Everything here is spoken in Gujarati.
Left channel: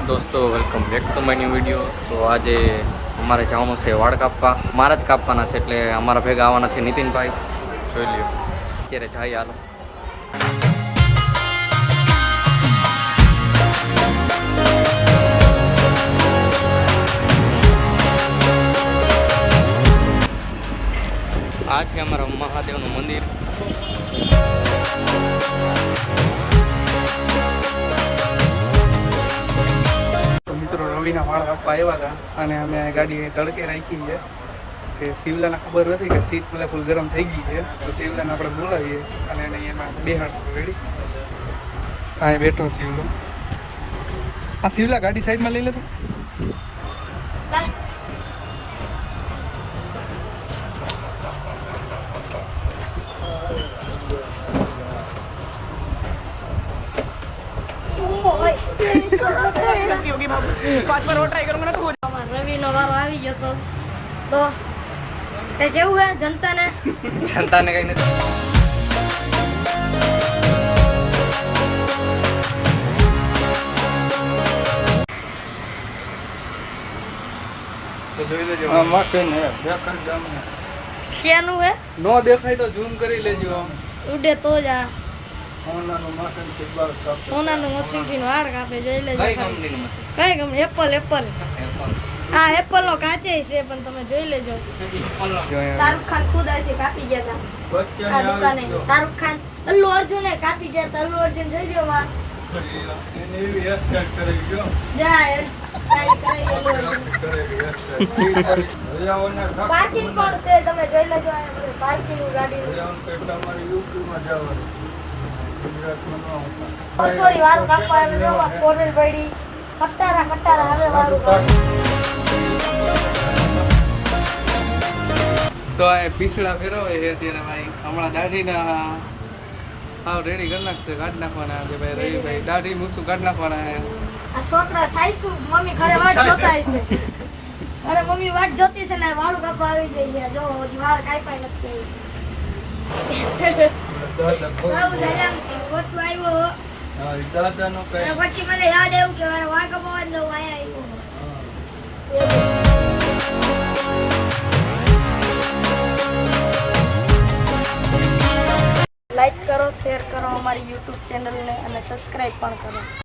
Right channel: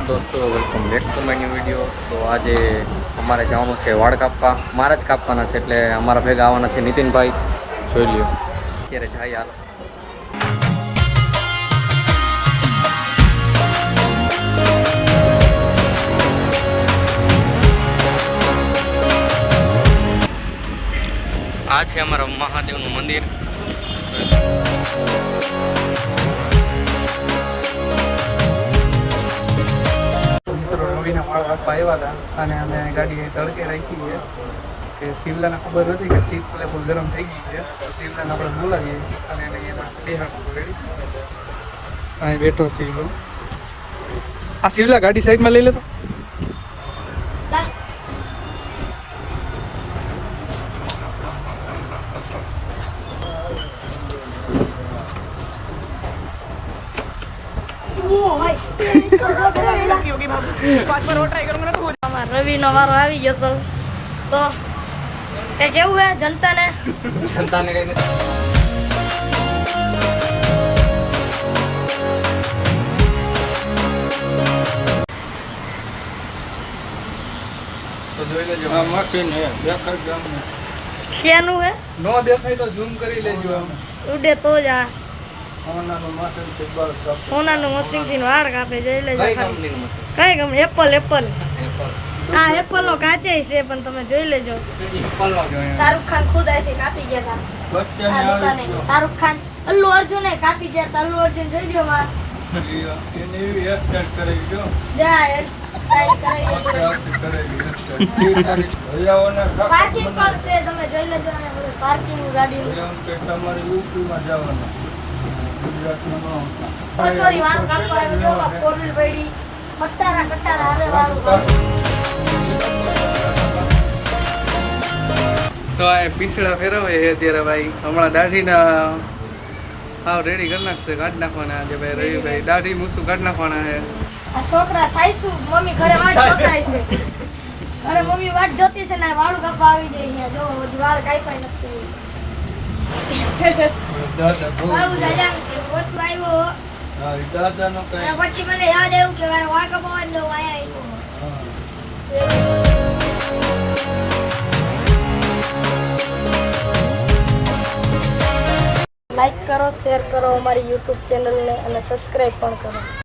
दोस्तों welcome back to my new video. તો આજે અમારે જવાનું છે વાળ કાપવા, મારા જ કાપવાના છે, એટલે અમારા ભેગા આવવાના છે નીતિનભાઈ। જોઈ લ્યો અત્યારે જાય, હાલો। આ છે અમારા મહાદેવનું મંદિર। મિત્રો રવિના વાળ કાપવા આવ્યા હતા અને અમે ગાડી તડકે રાખી છે કે શિવલાને ખબર નથી કે સીટ ફૂલ ગરમ થઈ ગઈ છે, તો શિવલાને આપણે બોલાવીએ અને એને એમાં બેહાડીશું। રેડી? અહીં બેઠો શિવલો। આ શિવલા ગાડી સાઈડમાં લઈ લેતો। રવિનો વારો આવી ગયો તો એ કેવું હે જનતાને કઈ નથી। તો જોઈ લેજો મકીને દેખાડ ગામને ક્યાંનું હે નો દેખાય તો ઝૂમ કરી લેજો। અમે ઉડે તો જ આ સોનાનું મશીન થી વાળ કાપે, સોનાનું મશીન થી વાળ કાપે। જોઈ લેજો કઈ ખાલી કંપનીનું મશીન? કઈ ગમે એપલ એપલ હા એપલ નો કાચે છે, પણ તમે જોઈ લેજો। શાહરુખ ખાન ખુદ અહીંથી કાપી ગયા હતા આ દુકાને। શાહરુખ ખાન અલ્લુ અર્જુન કાપી ગયા હતા। અલ્લુ અર્જુન જોઈ લ્યો માં એને એવી હેરસ્ટાઈલ કરાવી ગયો જા સ્ટાઈલ કરાવી। પાર્કિંગ પણ છે, તમે જોઈ લેજો। અહીંયા બધું પાર્કિંગ ગાડીનું તમારે યુટ્યુબમાં જવાનું ગુજરાતમાં કચોરી વાળું કાપવા આવ્યું જો ફોર વ્હીલ પડી ખટારા આવે વાળું તો આ પીસડા ફેરવે છે અત્યારે ભાઈ। હમણાં દાઢીના હાવ રેડી કરી નાખશે, કાઢી નાખવાના આજે ભાઈ રવિભાઈ। દાઢી મૂસું કાઢી નાખવાના છે। આ છોકરા સાઈસુ મમ્મી ઘરે વાટ જોતા છે। અરે મમ્મી વાટ જોતી છે ને વાળું કાપવા આવી જાય છે। જો હજી વાળ કાપ્યા નથી। બાબુ દાદા ઓટલું આવ્યો હા દાદાનો કઈ અને પછી મને યાદ આવ્યું કે મારે વાળ કાપવા જ દઉં અહીંયા આવ્યો। લાઈક કરો, શેર કરો અમારી યુટ્યુબ ચેનલને અને સબસ્ક્રાઈબ પણ કરો।